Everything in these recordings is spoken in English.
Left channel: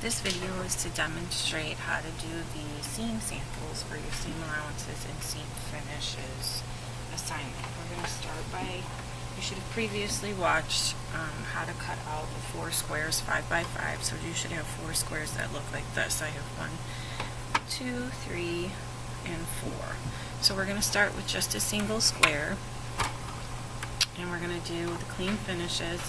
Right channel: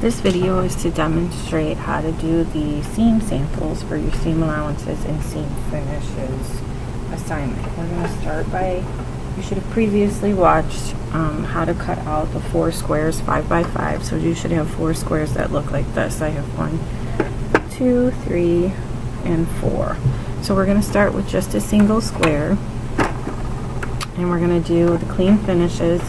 This video is to demonstrate how to do the seam samples for your seam allowances and seam finishes assignment. We're going to start by, you should have previously watched how to cut out the 4 squares 5 by 5. So you should have 4 squares that look like this. I have 1, 2, 3, and 4. So we're going to start with just a single square, and we're going to do the clean finishes.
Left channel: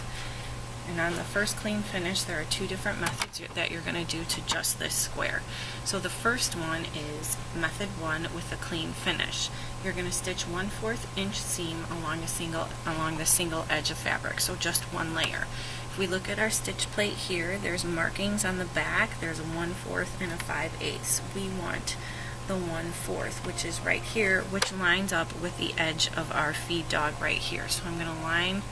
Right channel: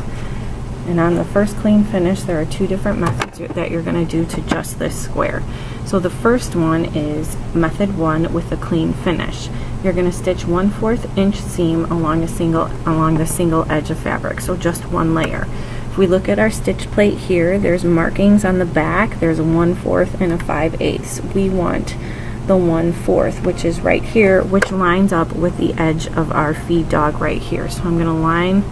And on the first clean finish, there are 2 different methods that you're going to do to just this square. So the first one is method 1 with the clean finish. You're going to stitch 1/4 inch seam along the single edge of fabric, so just 1 layer. If we look at our stitch plate here, there's markings on the back. There's a 1/4 and a 5/8. We want the 1/4, which is right here, which lines up with the edge of our feed dog right here. So I'm going to line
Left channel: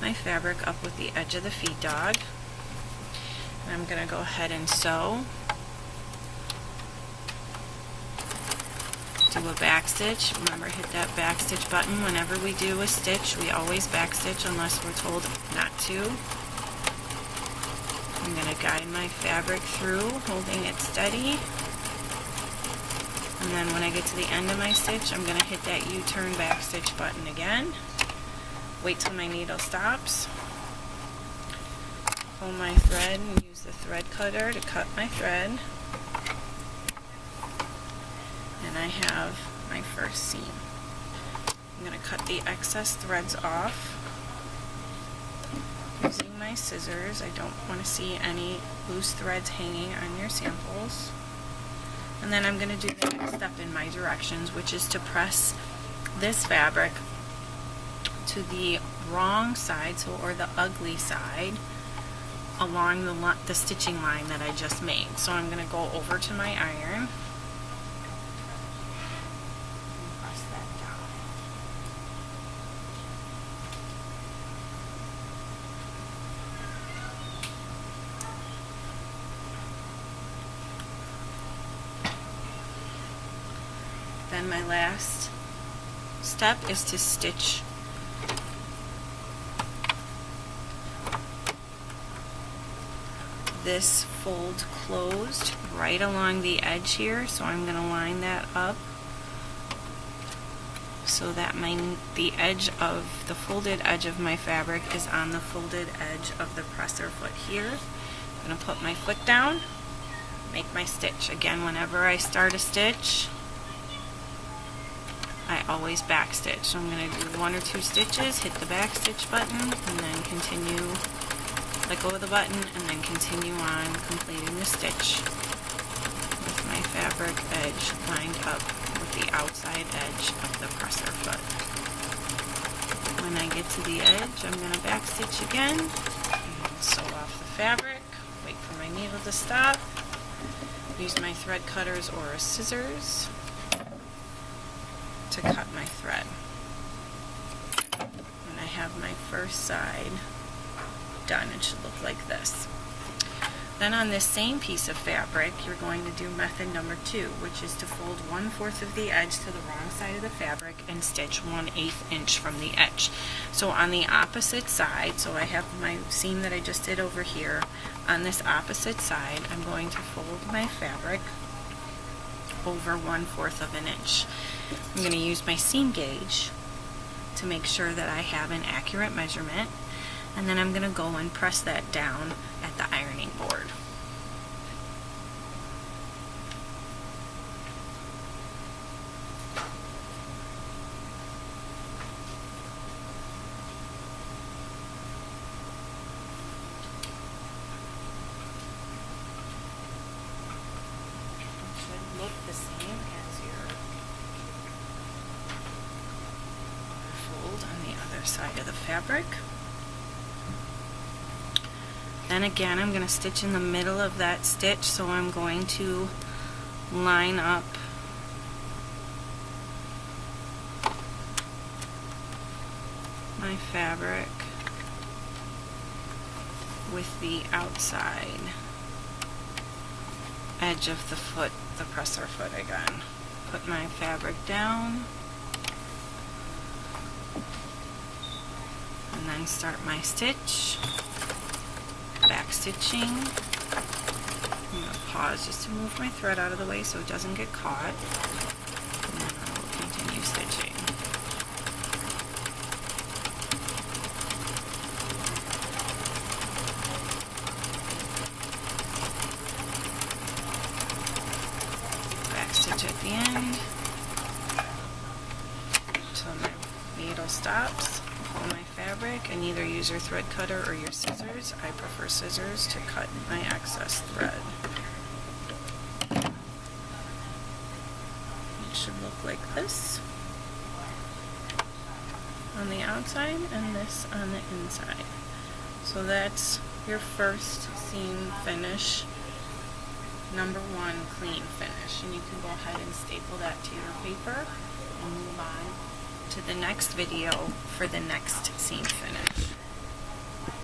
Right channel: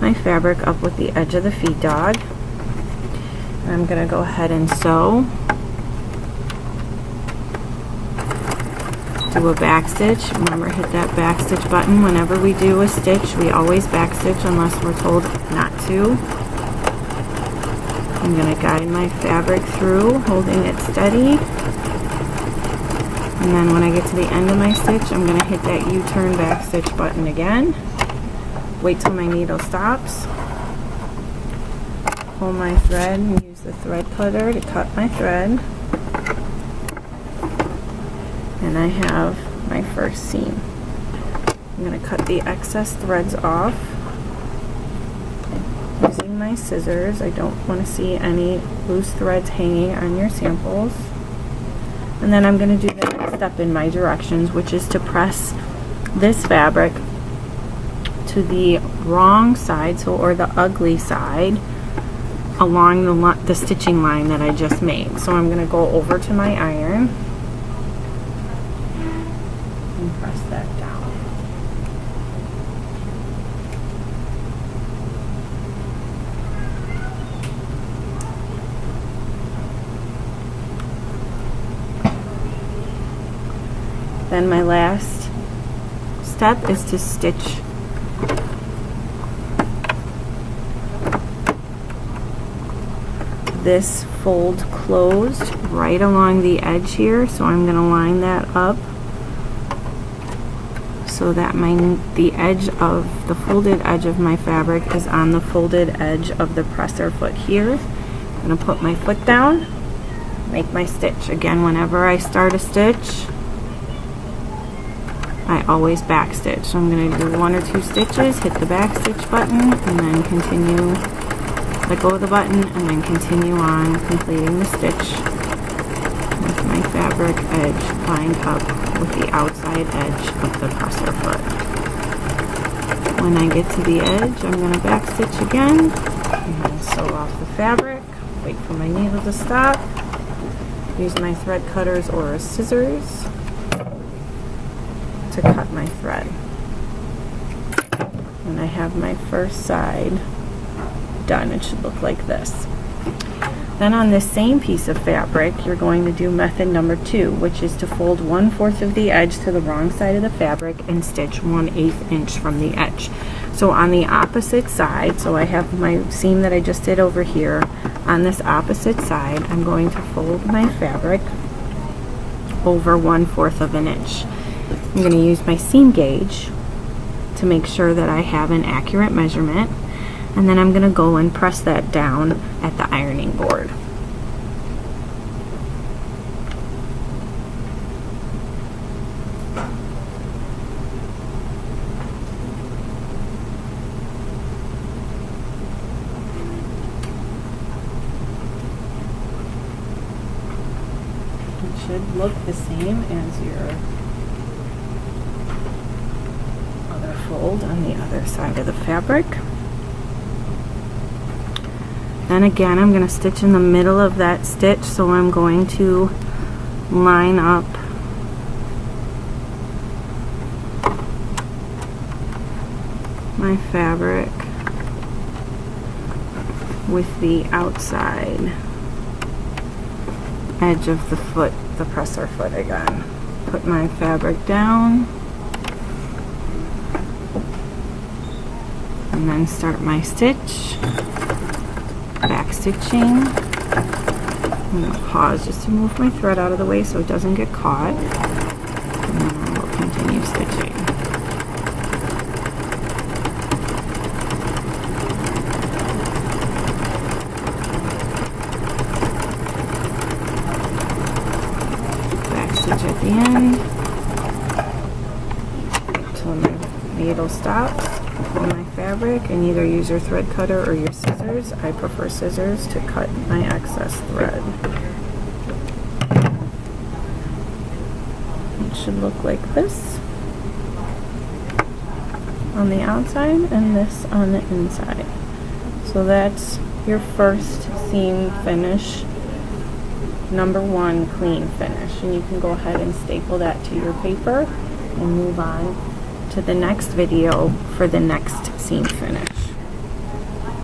my fabric up with the edge of the feed dog. And I'm going to go ahead and sew. Do a back stitch. Remember, hit that back stitch button whenever we do a stitch. We always back stitch unless we're told not to. I'm going to guide my fabric through, holding it steady. And then when I get to the end of my stitch, I'm going to hit that U-turn back stitch button again. Wait till my needle stops. Pull my thread and use the thread cutter to cut my thread. And I have my first seam. I'm going to cut the excess threads off using my scissors. I don't want to see any loose threads hanging on your samples. And then I'm going to do the next step in my directions, which is to press this fabric to the wrong side, or the ugly side, along the stitching line that I just made. So I'm going to go over to my iron and press that down. Then my last step is to stitch this fold closed right along the edge here. So I'm going to line that up so that the edge of the folded edge of my fabric is on the folded edge of the presser foot here. I'm going to put my foot down, make my stitch. Again, whenever I start a stitch, I always back stitch. So I'm going to do 1 or 2 stitches, hit the back stitch button, and then continue. Let go of the button and then continue on completing the stitch with my fabric edge lined up with the outside edge of the presser foot. When I get to the edge, I'm going to back stitch again and sew off the fabric. Wait for my needle to stop. Use my thread cutters or scissors to cut my thread. And I have my first side done. It should look like this. Then on this same piece of fabric, you're going to do method number 2, which is to fold 1/4 of the edge to the wrong side of the fabric and stitch 1/8 inch from the edge. So on the opposite side, so I have my seam that I just did over here. On this opposite side, I'm going to fold my fabric over 1/4 of an inch. I'm going to use my seam gauge to make sure that I have an accurate measurement. And then I'm going to go and press that down at the ironing board. It should look the same as your other fold on the other side of the fabric. Then again, I'm going to stitch in the middle of that stitch, so I'm going to line up my fabric with the outside edge of the foot, the presser foot again. Put my fabric down and then start my stitch. Back stitching, I'm going to pause just to move my thread out of the way so it doesn't get caught. And then I will continue stitching. Back stitch at the end. Till my needle stops. Pull my fabric and either use your thread cutter or your scissors. I prefer scissors to cut my excess thread. It should look like this on the outside and this on the inside. So that's your first seam finish, number 1 clean finish, and you can go ahead and staple that to your paper and move on to the next video for the next seam finish.